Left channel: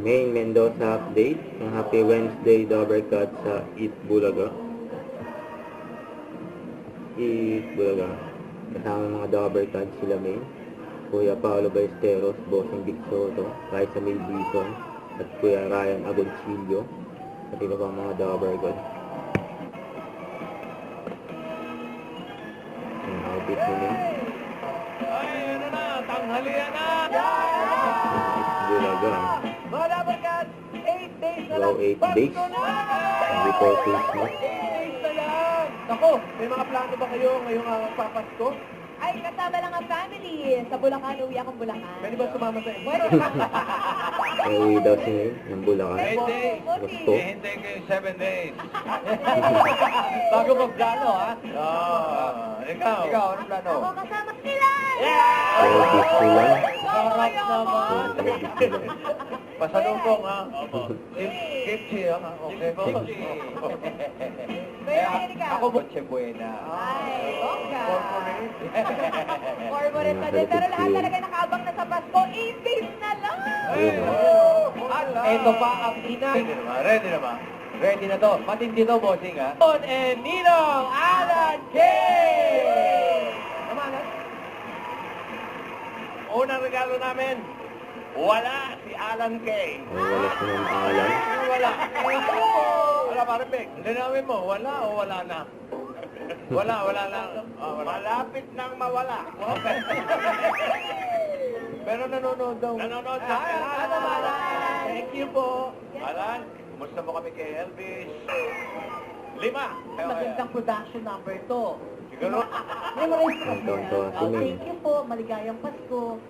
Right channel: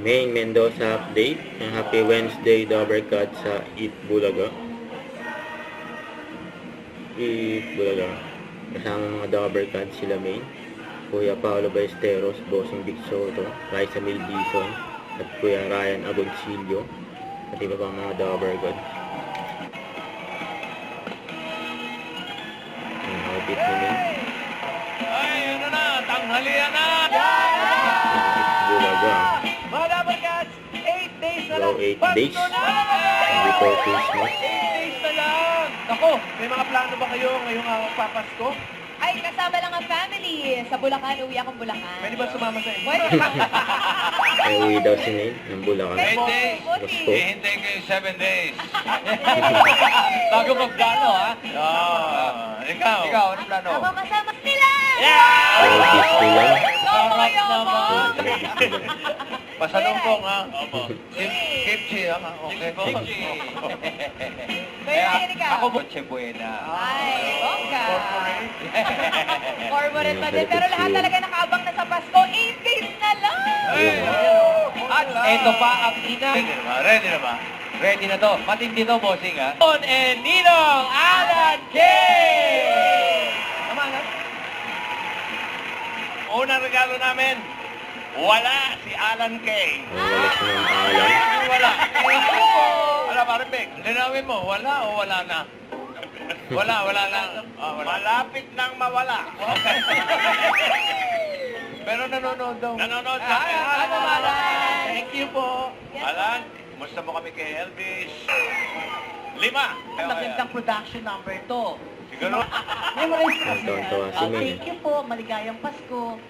Maine Mendoza update. Happy Wednesday, Dobercat sa Eat Bulaga. Eat Bulaga. Kasama mga Dobercat sila Maine. Kuya Paolo Ballesteros, Bossing Vic Soto, Raisa Mildison, at Kuya Ryan Agoncillo. At iba pa mga Dobercat. Ang outfit ni Maine. Ay, ano na, tanghalian na! Eat Bulaga. Mga Dabarcats, 8 days na Hello, lang. 8 days. Before Christmas. 8 days na lang. Ako, may mga plano ba kayo ngayong papasko? Ay, kasama lang ang family. Sa Bulacan, uwi akong Bulacan. Pwede ba sumama sa inyo? Pwede. Ay, uwi daw si Maine ng Bulacan. Eh, days. Pasko. Hihintay kayo 7 days. Bago magplano, ha? Ikaw, anong plano? Ako kasama sila! Ay, Disneyland. Sarap Ayoko. naman. Disneyland. Pasalubong, ha? Kimchi, ha? Okay. Kaya ikaw. Ako, Noche Buena. Ay, bongga. Corporate. Corporate pa din. Pero lahat talaga nakaabang na sa Pasko. 8 days na lang! At ito pa ang Ready na ba? Ready na to. Matindi to, bossing, ha? On and Ninong Alan K! Tama na. Unang regalo namin, wala si Alan K. Wala si Ma'am Alan. Wala. Wala, pare Peg. Linawin mo, wala o wala na? Wala na. Malapit nang mawala. Okay. Pero nanonood daw. Nanonood na. Alan. Thank you po. Alan, kumusta mo kami kay Elvis? 5. Magandang production number to. Siguro. Memorize ko kasi. Tonto si Maine. Thank you po. Maligayang Pasko.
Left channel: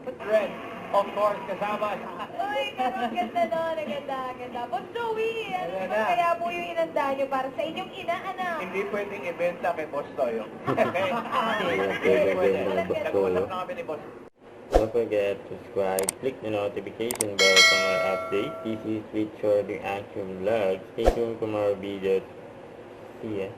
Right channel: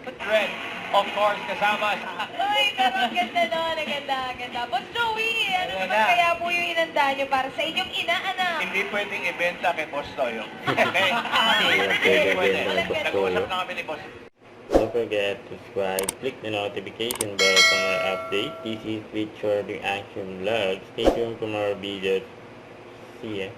Red, of course, kasama. Ay, pero ang ganda nun. Ang ganda, ang ganda. Boss Joey, ano Ayun naman na. kaya po yung inanda nyo para sa inyong ina, anak? Hindi pwedeng ibenta kay Boss Toyo. Okay? Hindi pwede ibenta kay Boss Toyo. Nag-usap na kami ni Boss. Don't forget to subscribe, click the notification bell for more updates. This is Richard Reaction Vlog. Stay tuned for more videos. See ya.